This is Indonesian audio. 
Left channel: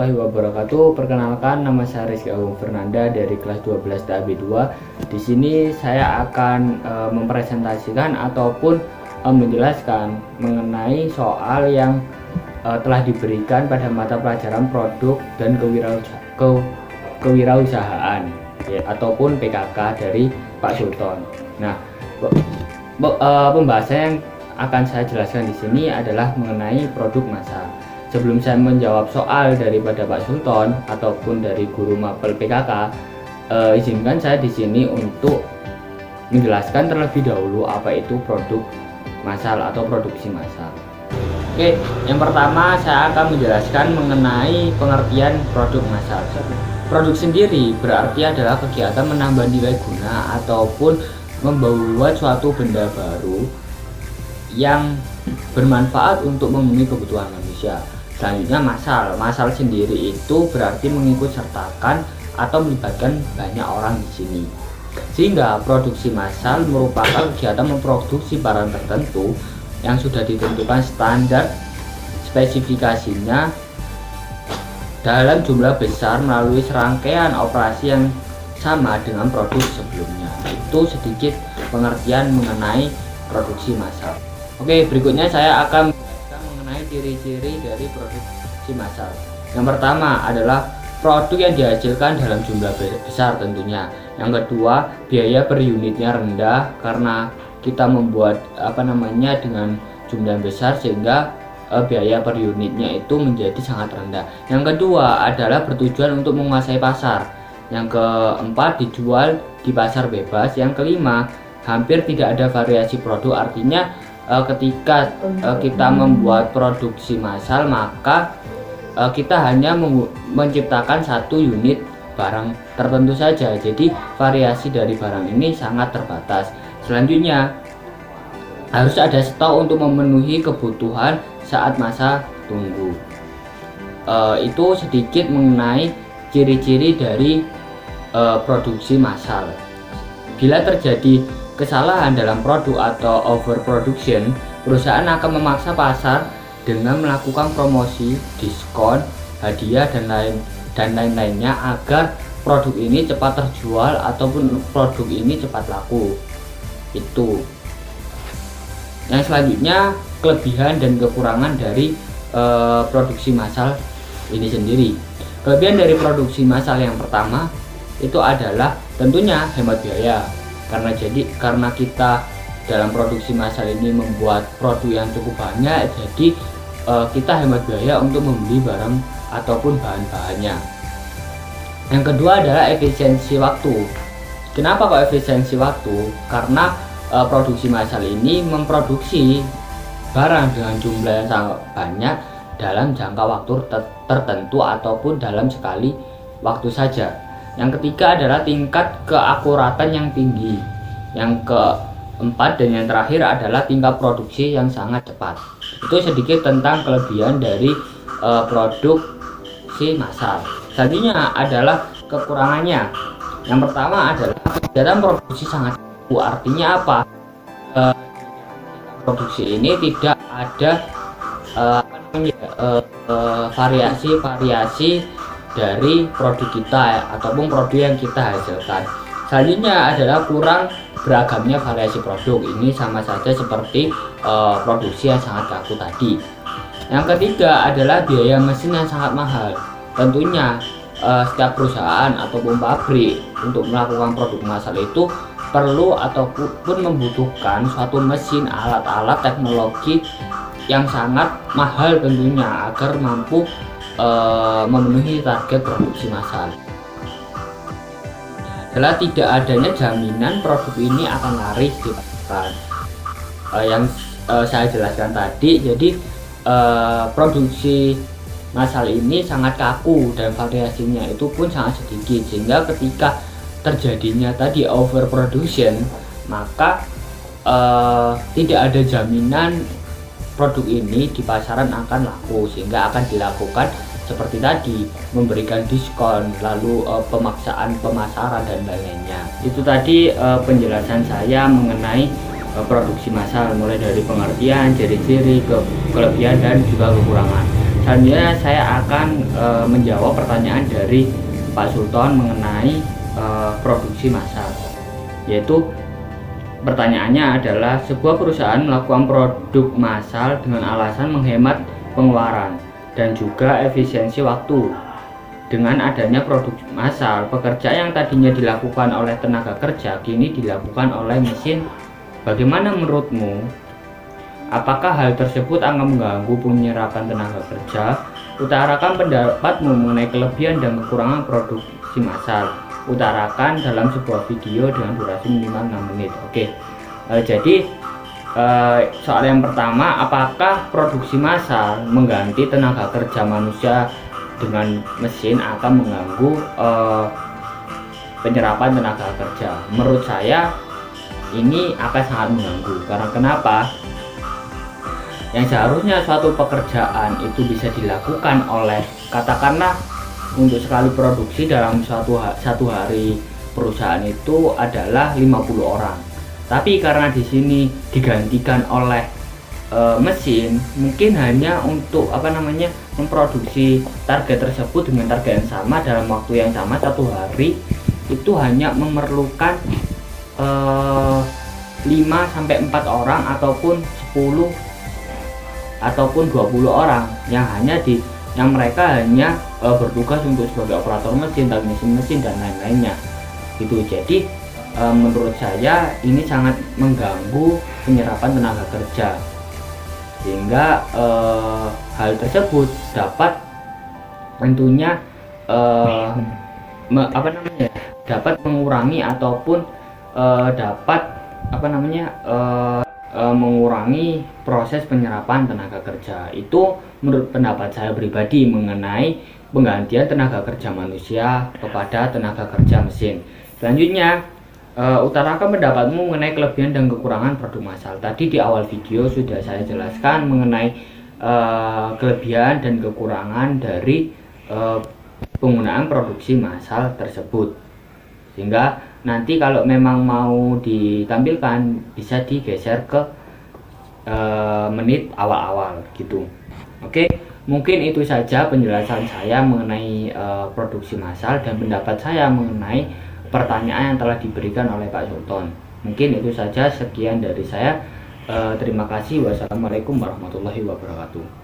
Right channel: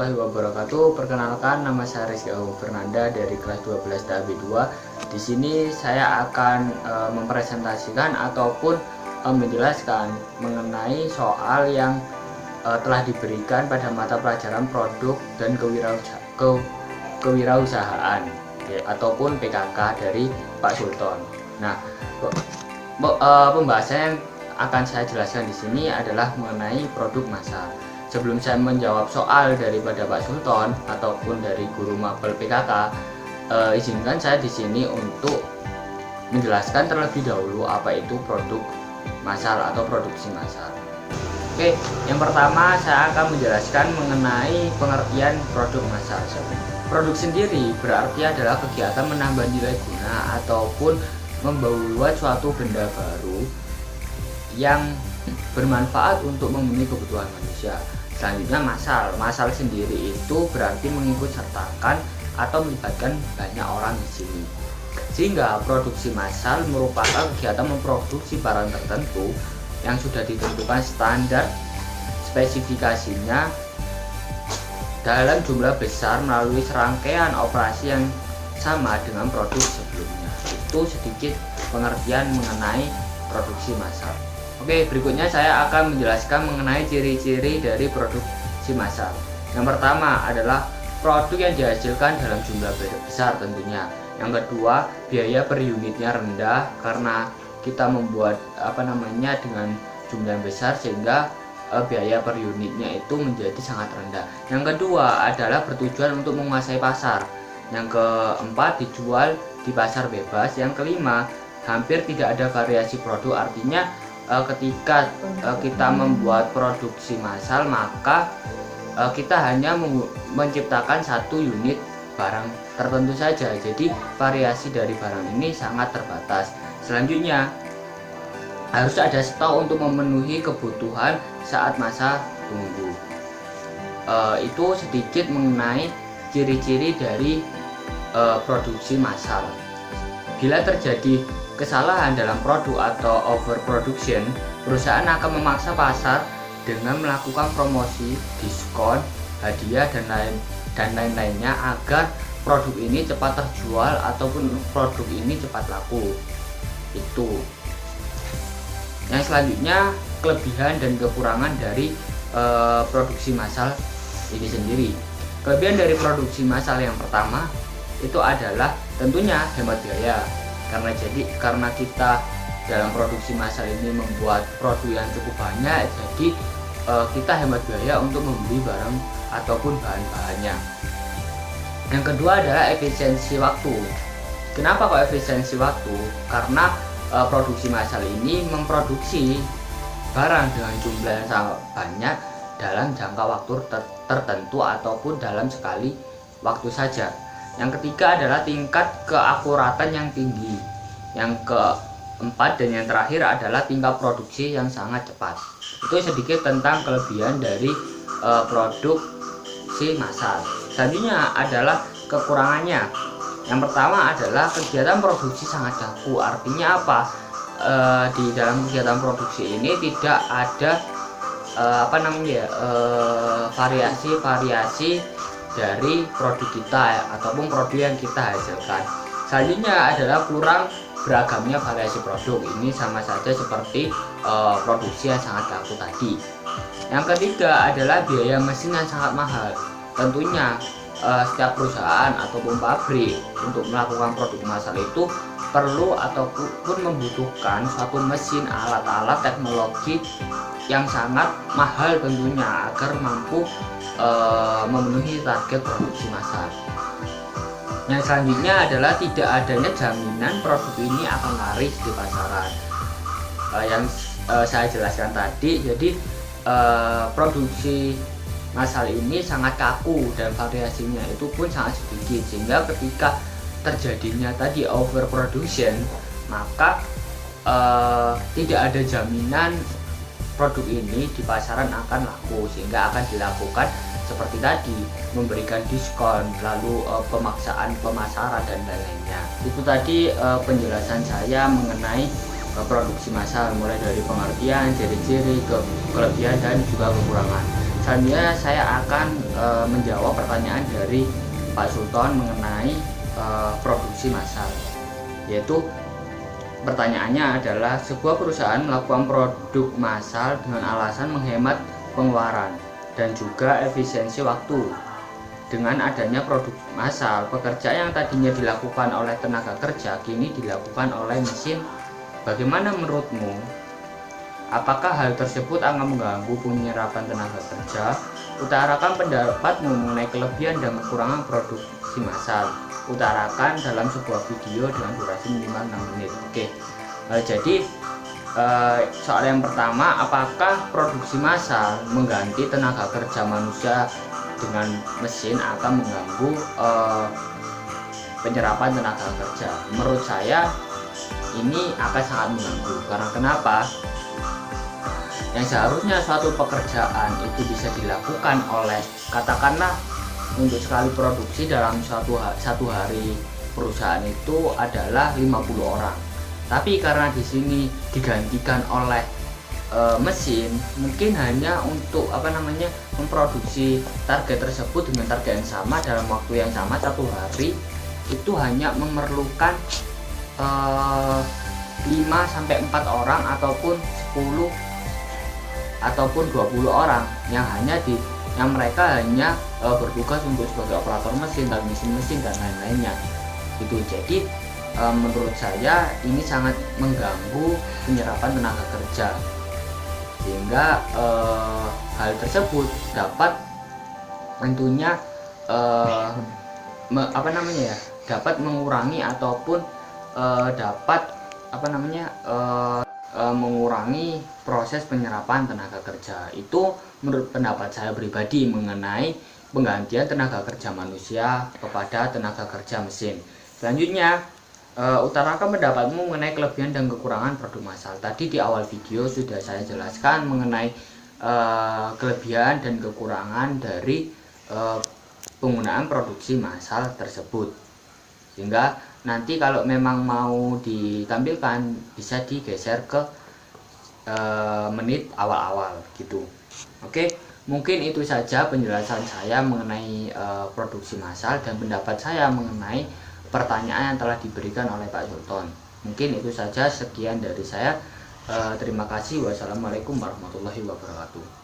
warahmatullahi wabarakatuh. Perkenalkan, nama saya Rizky Agung Fernanda dari kelas 12 TAB 2. Di sini saya akan mempresentasikan ataupun menjelaskan mengenai soal yang telah diberikan pada mata pelajaran produk dan kewirausahaan ataupun PKK dari Pak Sultan. Nah, pembahasan yang akan saya jelaskan di sini adalah mengenai produk massal. Sebelum saya menjawab soal daripada Pak Sultan ataupun dari guru mapel PKK, izinkan saya di sini untuk menjelaskan terlebih dahulu apa itu produk massal atau produksi massal. Oke, yang pertama saya akan menjelaskan mengenai pengertian produk massal. Produk sendiri berarti adalah kegiatan menambah nilai guna ataupun membuat suatu benda baru yang bermanfaat untuk memenuhi kebutuhan manusia. Selanjutnya massal sendiri itu berarti mengikut sertakan atau melibatkan banyak orang di sini. Sehingga produksi massal merupakan kegiatan memproduksi barang tertentu yang sudah ditentukan standar spesifikasinya dalam jumlah besar melalui serangkaian operasi yang sama dengan produk sebelumnya. Itu sedikit pengertian mengenai produksi massal. Oke, berikutnya saya akan menjelaskan mengenai ciri-ciri dari produksi massal. Yang pertama adalah produk yang dihasilkan dalam jumlah besar tentunya. Yang kedua, biaya per unitnya rendah karena kita membuat dengan jumlah yang besar sehingga biaya per unitnya itu menjadi sangat rendah. Yang kedua adalah bertujuan untuk menguasai pasar. Yang keempat, dijual di pasar bebas. Yang kelima, hampir tidak ada variasi produk, artinya ketika kita membuat produksi massal maka kita hanya menciptakan satu unit barang tertentu saja, jadi variasi dari barang ini sangat terbatas. Selanjutnya harus ada stok untuk memenuhi kebutuhan saat masa tunggu. Itu sedikit mengenai ciri-ciri dari produksi massal. Bila terjadi kesalahan dalam produk atau overproduction, perusahaan akan memaksa pasar dengan melakukan promosi, diskon, hadiah dan lain-lainnya agar produk ini cepat terjual ataupun produk ini cepat laku. Itu. Yang selanjutnya, kelebihan dan kekurangan dari produksi massal ini sendiri. Kelebihan dari produksi massal yang pertama itu adalah tentunya hemat biaya. Karena kita dalam produksi massal ini membuat produk yang cukup banyak, jadi kita hemat biaya untuk membeli barang ataupun bahan-bahannya. Yang kedua adalah efisiensi waktu. Kenapa kok efisiensi waktu? Karena produksi massal ini memproduksi barang dengan jumlah yang sangat banyak dalam jangka waktu tertentu ataupun dalam sekali waktu saja. Yang ketiga adalah tingkat keakuratan yang tinggi. Yang keempat dan yang terakhir adalah tingkat produksi yang sangat cepat. Itu sedikit tentang kelebihan dari produksi massal. Selanjutnya adalah kekurangannya. Yang pertama adalah kegiatan produksi sangat kaku. Artinya apa? Di dalam kegiatan produksi ini tidak ada variasi dari produk kita ataupun produk yang kita hasilkan. Selanjutnya adalah kurang beragamnya variasi produk. Ini sama saja seperti produksi yang sangat kaku tadi. Yang ketiga adalah biaya mesin yang sangat mahal. Tentunya setiap perusahaan ataupun pabrik untuk melakukan produk massal itu perlu ataupun membutuhkan suatu mesin, alat-alat teknologi yang sangat mahal tentunya agar mampu memenuhi target produksi massal. Yang selanjutnya adalah tidak adanya jaminan produk ini akan laris di pasaran. Yang saya jelaskan tadi, jadi produksi massal ini sangat kaku dan variasinya itu pun sangat sedikit, sehingga ketika terjadinya tadi overproduction maka tidak ada jaminan produk ini di pasaran akan laku, sehingga akan dilakukan seperti tadi, memberikan diskon, lalu pemaksaan pemasaran dan lain-lainnya. Itu tadi penjelasan saya mengenai produksi massal, mulai dari pengertian, ciri-ciri, kelebihan dan juga kekurangan. Selanjutnya saya akan menjawab pertanyaan dari Pak Sultan mengenai produksi massal, yaitu pertanyaannya adalah sebuah perusahaan melakukan produk massal dengan alasan menghemat pengeluaran dan juga efisiensi waktu. Dengan adanya produk massal, pekerjaan yang tadinya dilakukan oleh tenaga kerja kini dilakukan oleh mesin. Bagaimana menurutmu? Apakah hal tersebut akan mengganggu penyerapan tenaga kerja? Utarakan pendapatmu mengenai kelebihan dan kekurangan produksi massal. Utarakan dalam sebuah video dengan durasi minimal 6 menit. Oke, jadi soal yang pertama, apakah produksi massal mengganti tenaga kerja manusia dengan mesin akan mengganggu penyerapan tenaga kerja? Menurut saya ini akan sangat mengganggu. Karena kenapa? Yang seharusnya suatu pekerjaan itu bisa dilakukan oleh, katakanlah untuk sekali produksi dalam satu hari perusahaan itu adalah 50 orang. Tapi karena di sini digantikan oleh mesin, mungkin hanya untuk memproduksi target tersebut dengan target yang sama dalam waktu yang sama, satu hari itu hanya memerlukan 5-4 orang ataupun 10 ataupun 20 orang yang mereka hanya bertugas untuk sebagai operator mesin, mesin dan lain-lainnya gitu. Jadi menurut saya ini sangat mengganggu penyerapan tenaga kerja, sehingga hal tersebut dapat tentunya dapat mengurangi ataupun dapat mengurangi proses penyerapan tenaga kerja. Itu menurut pendapat saya pribadi mengenai penggantian tenaga kerja manusia kepada tenaga kerja mesin. Selanjutnya, utarakan pendapatmu mengenai kelebihan dan kekurangan produk massal. Tadi di awal video sudah saya jelaskan mengenai kelebihan dan kekurangan dari penggunaan produksi massal tersebut, sehingga nanti kalau memang mau ditampilkan bisa digeser ke menit awal-awal gitu. Oke, mungkin itu saja penjelasan saya mengenai produksi massal dan pendapat saya mengenai pertanyaan yang telah diberikan oleh Pak Sultan. Mungkin itu saja, sekian dari saya. Terima kasih. Wassalamualaikum warahmatullahi wabarakatuh.